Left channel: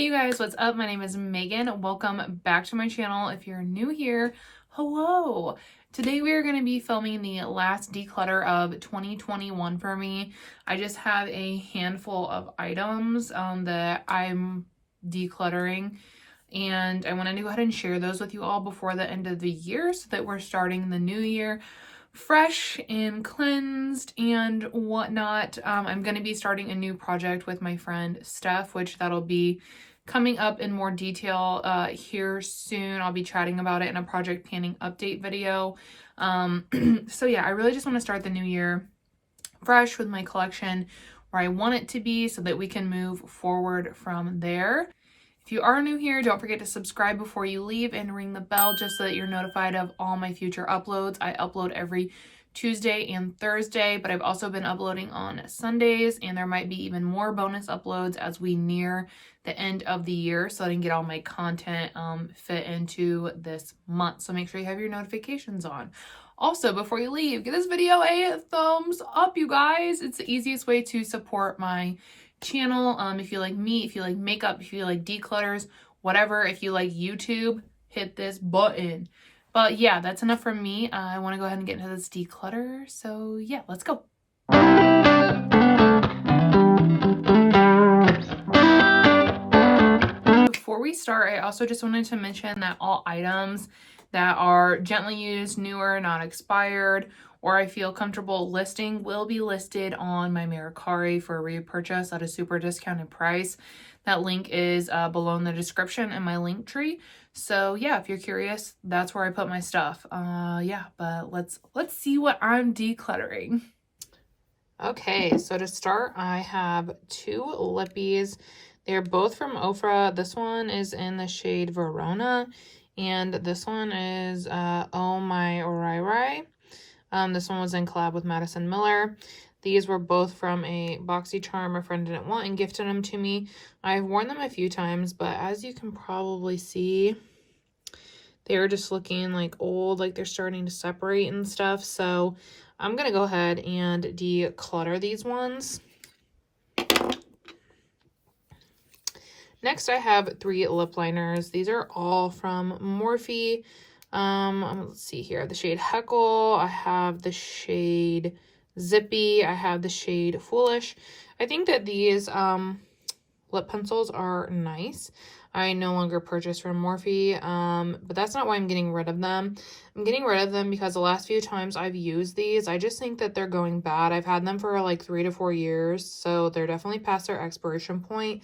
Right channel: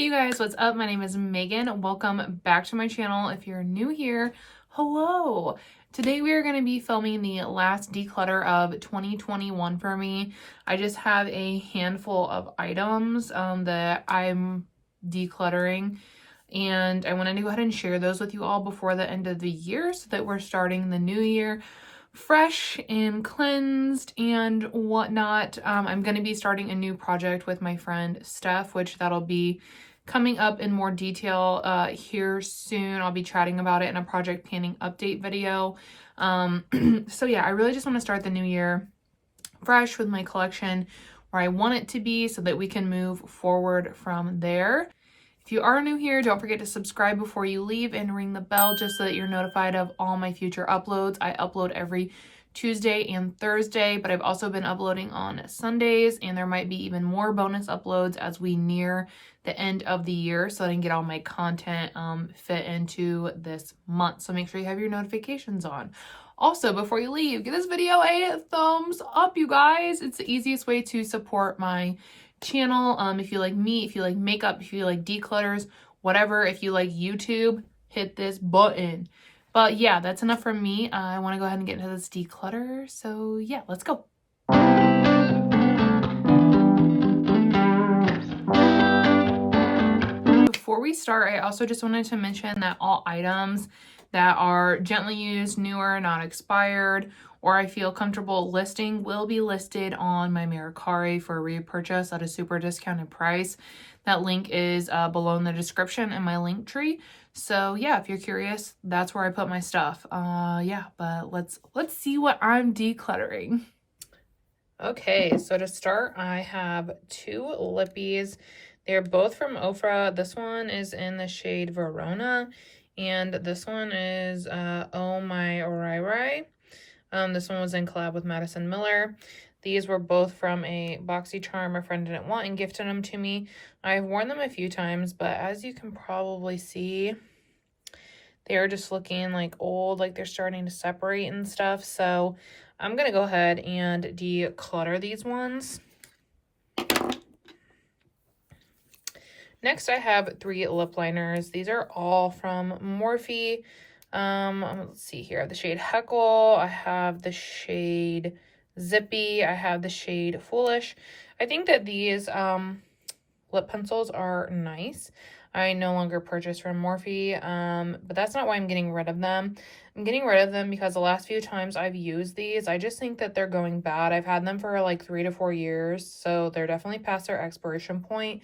Hey you guys, what's up? My name is Megan. Welcome back to my channel. If you're new here, hello. Today we are going to be filming the last declutter of 2021 for me. I just have a handful of items that I'm decluttering, and I wanted to go ahead and share those with you all before the end of the year so that we're starting the new year fresh and cleansed and whatnot. I'm going to be starting a new project with my friend Steph, which that'll be coming up in more detail here soon. I'll be chatting about it in a project planning update video. So yeah, I really just want to start the new year fresh with my collection where I want it to be so that we can move forward from there. If you are new here, don't forget to subscribe before you leave and ring the bell just so that you're notified of all my future uploads. I upload every Tuesday and Thursday, but I've also been uploading on Sundays, and there might be even more bonus uploads as we near the end of the year so I can get all my content fit into this month. So make sure you have your notifications on. Also, before you leave, give this video a thumbs up, you guys. It's the easiest way to support my channel. If you like me, if you like makeup, if you like declutters, whatever, if you like YouTube, hit this button. But yeah, that's enough from me. I want to go ahead and get into this declutter. So yeah, let's go. Before we start, I also just wanted to mention that all items that are gently used, newer, not expired, or I feel comfortable listing will be listed on my Mercari for repurchase at a super discounted price. That link is below in the description in my link tree. So yeah, if you're curious, that's where I put my stuff. Yeah, but let's see what I'm decluttering. Okay, so to start, I have two lippies. They're both from Ofra. This one is in the shade Verona, and this one is Oh My Rai Rai. This one was in collab with Madison Miller. These were both from a BoxyCharm. My friend didn't want and gifted them to me. I've worn them a few times, but as you can probably see, they're just looking like old, like they're starting to separate and stuff. So I'm going to go ahead and declutter these ones. Next, I have three lip liners. These are all from Morphe. Let's see here. The shade Heckle. I have the shade Zippy. I have the shade Foolish. I think that these lip pencils are nice. I no longer purchase from Morphe, but that's not why I'm getting rid of them. I'm getting rid of them because the last few times I've used these, I just think that they're going bad. I've had them for like 3 to 4 years, so they're definitely past their expiration point.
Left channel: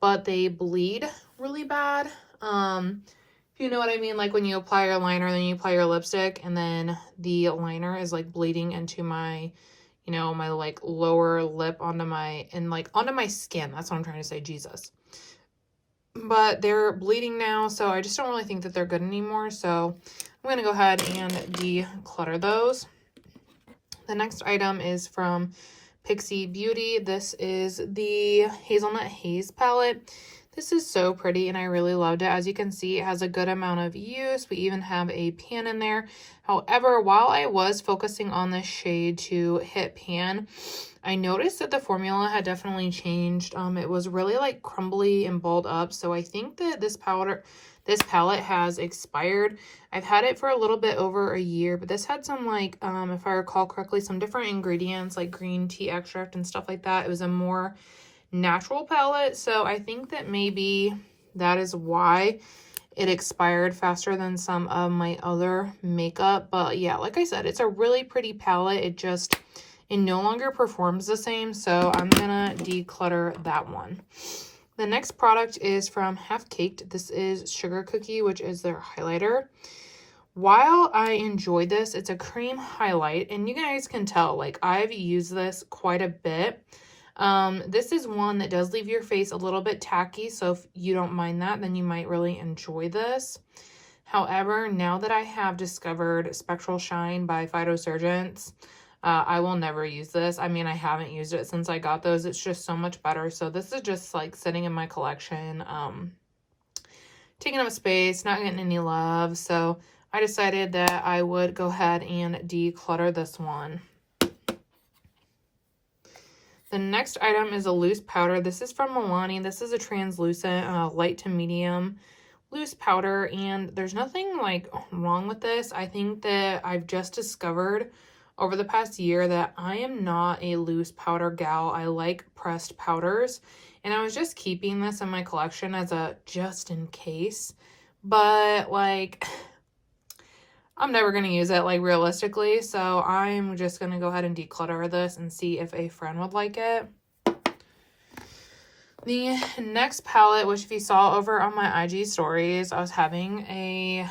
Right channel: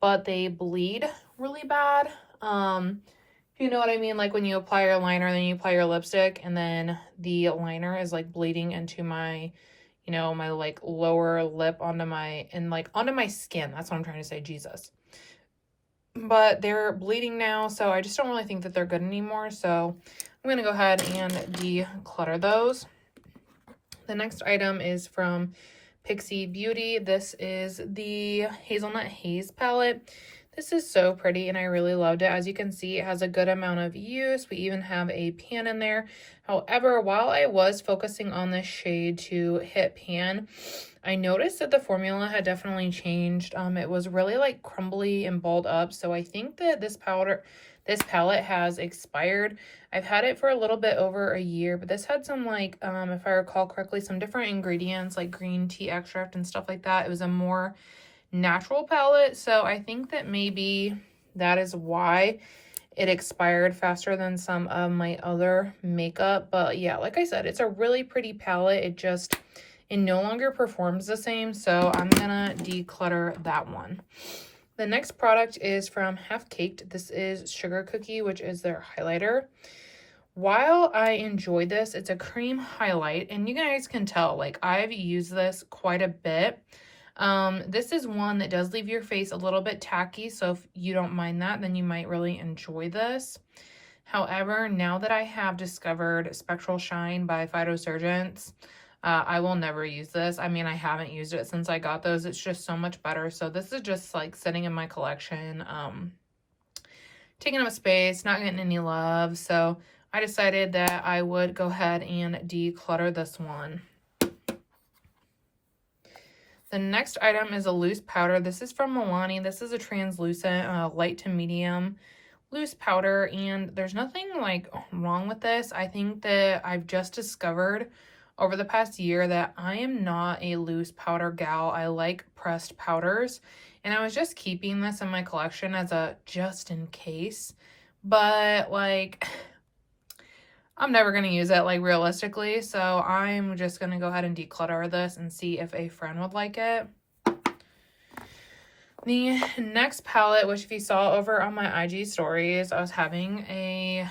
But they bleed really bad. You know what I mean? Like when you apply your liner, then you apply your lipstick, and then the liner is like bleeding into my, you know, my like lower lip onto my skin. That's what I'm trying to say, Jesus. But they're bleeding now, so I just don't really think that they're good anymore. So I'm going to go ahead and declutter those. The next item is from Pixie Beauty. This is the Hazelnut Haze palette. This is so pretty and I really loved it. As you can see, it has a good amount of use. We even have a pan in there. However, while I was focusing on this shade to hit pan, I noticed that the formula had definitely changed. It was really like crumbly and balled up. So I think that this palette has expired. I've had it for a little bit over a year, but this had some like, if I recall correctly, some different ingredients like green tea extract and stuff like that. It was a more natural palette. So I think that maybe that is why it expired faster than some of my other makeup. But yeah, like I said, it's a really pretty palette. It no longer performs the same. So I'm gonna declutter that one. The next product is from Half Caked. This is Sugar Cookie, which is their highlighter. While I enjoyed this, it's a cream highlight, and you guys can tell, like, I've used this quite a bit. This is one that does leave your face a little bit tacky, so if you don't mind that, then you might really enjoy this. However, now that I have discovered Spectral Shine by Phytosurgents, I will never use this. I mean, I haven't used it since I got those. It's just so much better. So this is just like sitting in my collection, taking up space, not getting any love. So I decided that I would go ahead and declutter this one. The next item is a loose powder. This is from Milani. This is a translucent light to medium loose powder, and there's nothing like wrong with this. I think that I've just discovered over the past year that I am not a loose powder gal. I like pressed powders, and I was just keeping this in my collection as a just in case, but like I'm never going to use it like realistically, so I'm just going to go ahead and declutter this and see if a friend would like it. The next palette, which if you saw over on my IG stories, I was having a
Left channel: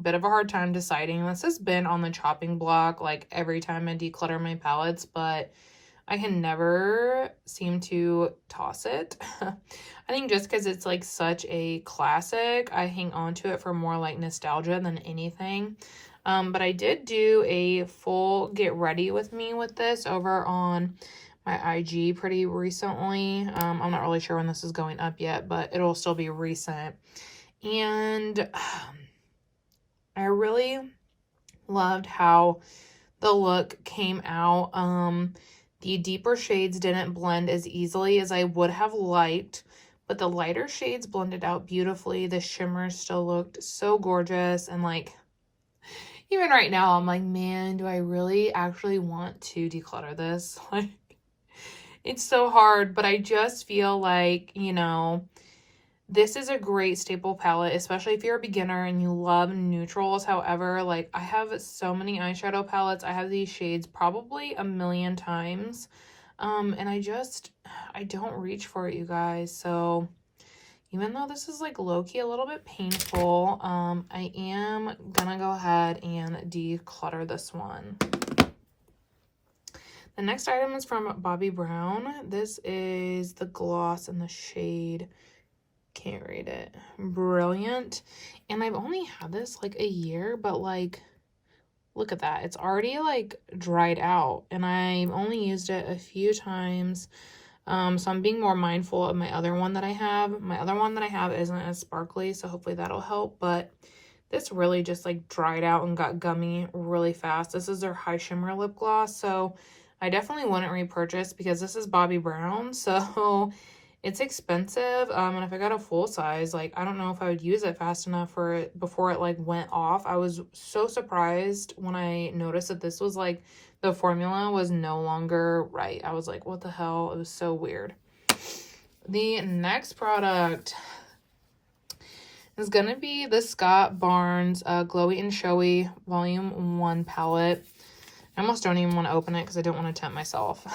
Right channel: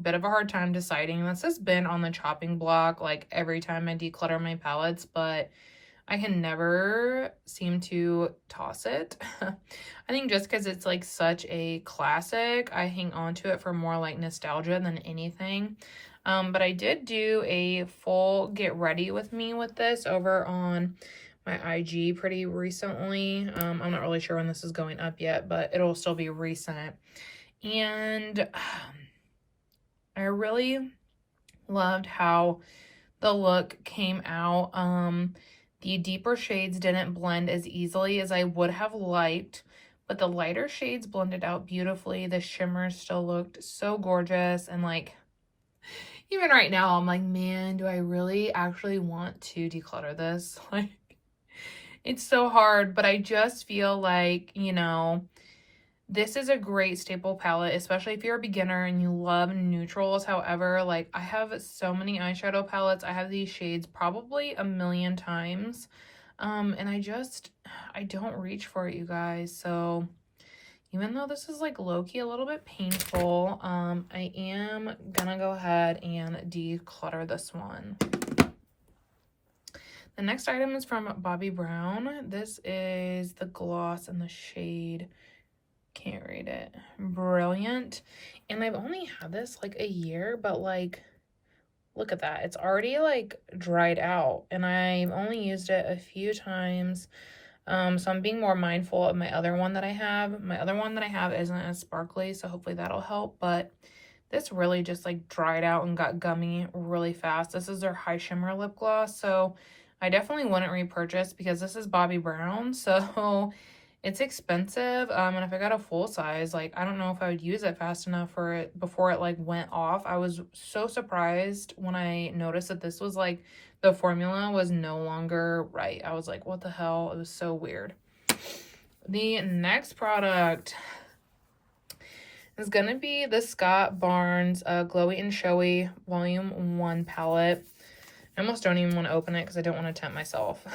bit of a hard time deciding. This has been on the chopping block like every time I declutter my palettes, but I can never seem to toss it. I think just because it's like such a classic, I hang on to it for more like nostalgia than anything. But I did do a full get ready with me with this over on my IG pretty recently. I'm not really sure when this is going up yet, but it'll still be recent. And I really loved how the look came out. The deeper shades didn't blend as easily as I would have liked, but the lighter shades blended out beautifully. The shimmers still looked so gorgeous, and like even right now I'm like, man, do I really actually want to declutter this? Like, it's so hard, but I just feel like, you know, this is a great staple palette, especially if you're a beginner and you love neutrals. However, like I have so many eyeshadow palettes. I have these shades probably a million times. And I don't reach for it, you guys. So even though this is like low-key a little bit painful, I am gonna go ahead and declutter this one. The next item is from Bobbi Brown. This is the gloss in the shade, can't read it, Brilliant. And I've only had this like a year, but like look at that, it's already like dried out, and I've only used it a few times. So I'm being more mindful of my other one that I have. My other one that I have isn't as sparkly, so hopefully that'll help, but this really just like dried out and got gummy really fast. This is their high shimmer lip gloss, so I definitely wouldn't repurchase because this is Bobbi Brown, so it's expensive. And if I got a full size, like I don't know if I would use it fast enough for it before it like went off. I was so surprised when I noticed that this was like the formula was no longer right. I was like, what the hell? It was so weird. The next product is gonna be the Scott Barnes Glowy and Showy Volume 1 palette. I almost don't even want to open it because I don't want to tempt myself.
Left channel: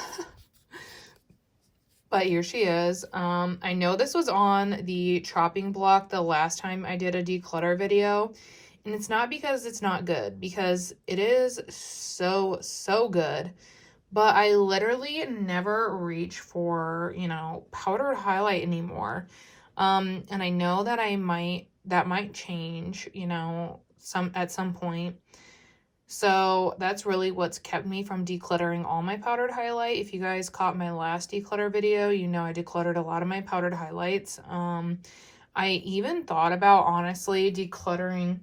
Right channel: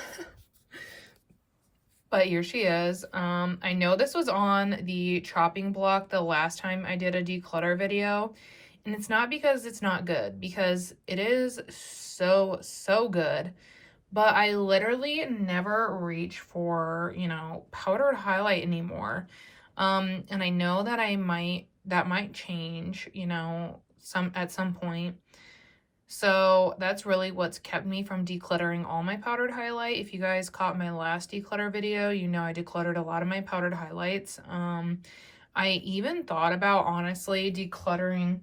But here she is. I know this was on the chopping block the last time I did a declutter video. And it's not because it's not good, because it is so good. But I literally never reach for, you know, powdered highlight anymore. And I know that that might change, you know, at some point. So that's really what's kept me from decluttering all my powdered highlight. If you guys caught my last declutter video, you know I decluttered a lot of my powdered highlights. I even thought about honestly decluttering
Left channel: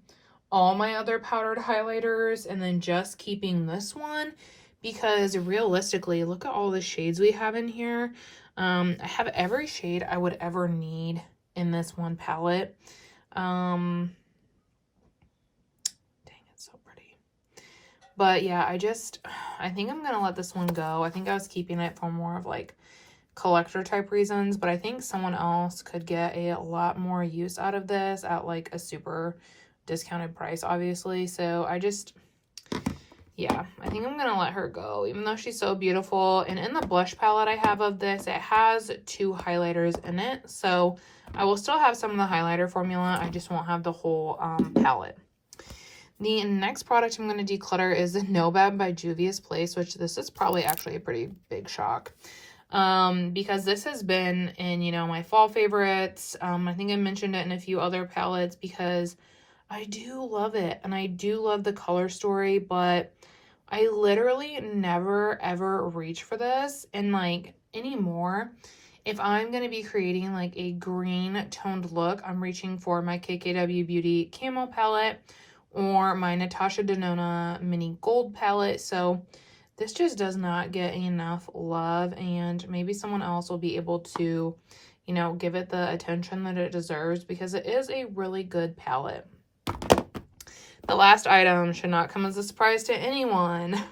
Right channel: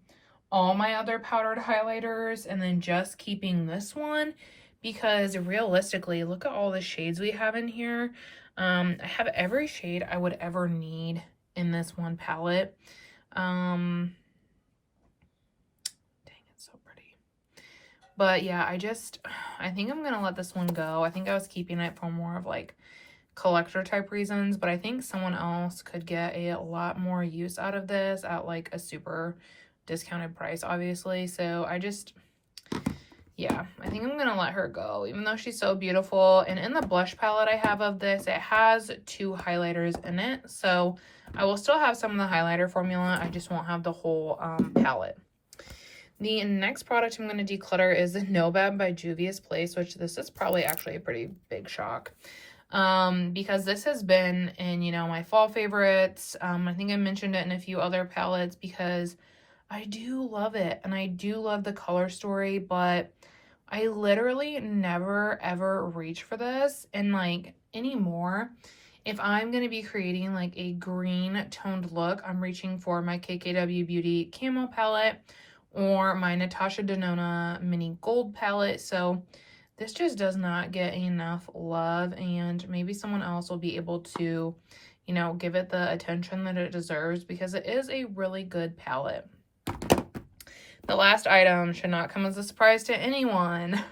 all my other powdered highlighters and then just keeping this one, because realistically, look at all the shades we have in here. I have every shade I would ever need in this one palette. But yeah, I think I'm gonna let this one go. I think I was keeping it for more of like collector type reasons, but I think someone else could get a lot more use out of this at like a super discounted price, obviously. So yeah, I think I'm gonna let her go, even though she's so beautiful. And in the blush palette I have of this, it has 2 highlighters in it. So I will still have some of the highlighter formula. I just won't have the whole palette. The next product I'm going to declutter is the No Bad by Juvia's Place, which this is probably actually a pretty big shock. Because this has been in, you know, my fall favorites. I think I mentioned it in a few other palettes because I do love it. And I do love the color story, but I literally never ever reach for this. And like anymore, if I'm going to be creating like a green toned look, I'm reaching for my KKW Beauty Camo palette or my Natasha Denona Mini Gold palette. So this just does not get enough love, and maybe someone else will be able to, you know, give it the attention that it deserves because it is a really good palette. The last item should not come as a surprise to anyone.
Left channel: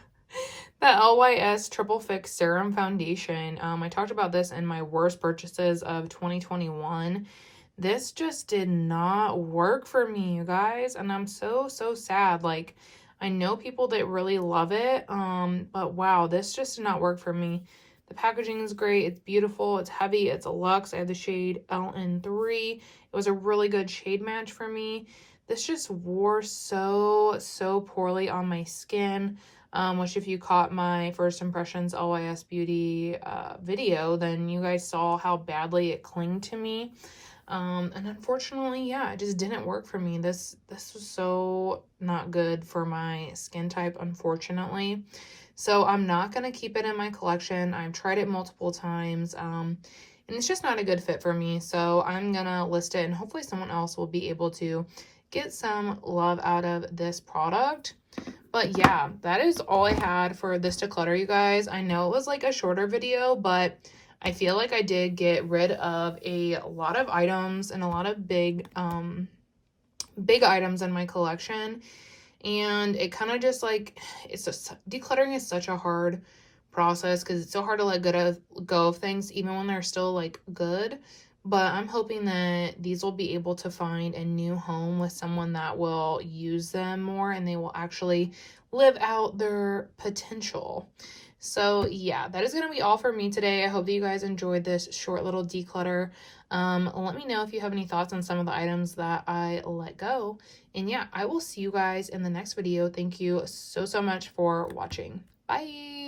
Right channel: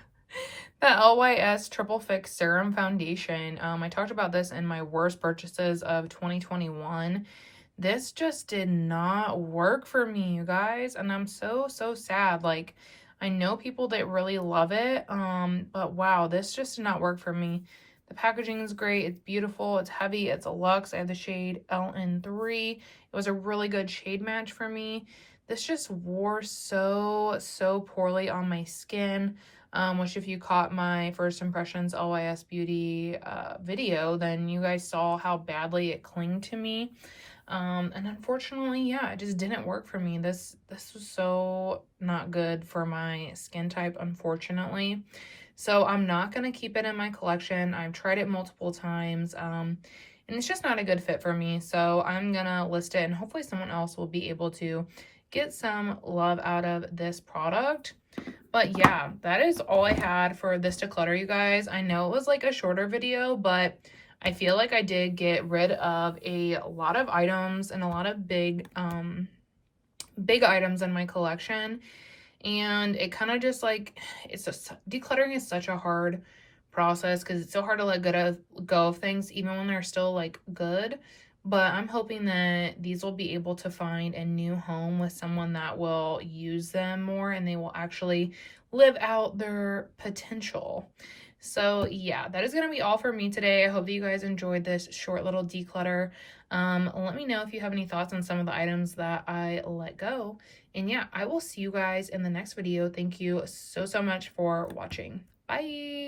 The LYS Triple Fix Serum Foundation. I talked about this in my worst purchases of 2021. This just did not work for me, you guys, and I'm so sad. Like, I know people that really love it, but wow, this just did not work for me. The packaging is great. It's beautiful. It's heavy. It's a luxe. I have the shade LN3. It was a really good shade match for me. This just wore so poorly on my skin, which if you caught my first impressions LYS Beauty video, then you guys saw how badly it clinged to me. And unfortunately, yeah, it just didn't work for me. This was so not good for my skin type, unfortunately. So I'm not going to keep it in my collection. I've tried it multiple times, and it's just not a good fit for me. So I'm going to list it, and hopefully someone else will be able to get some love out of this product. But yeah, that is all I had for this declutter, you guys. I know it was like a shorter video, but I feel like I did get rid of a lot of items and a lot of big items in my collection. And it kind of just like, it's just, decluttering is such a hard process because it's so hard to let go of things even when they're still like good. But I'm hoping that these will be able to find a new home with someone that will use them more and they will actually live out their potential. So yeah, that is going to be all for me today. I hope that you guys enjoyed this short little declutter. Let me know if you have any thoughts on some of the items that I let go. And yeah, I will see you guys in the next video. Thank you so much for watching. Bye!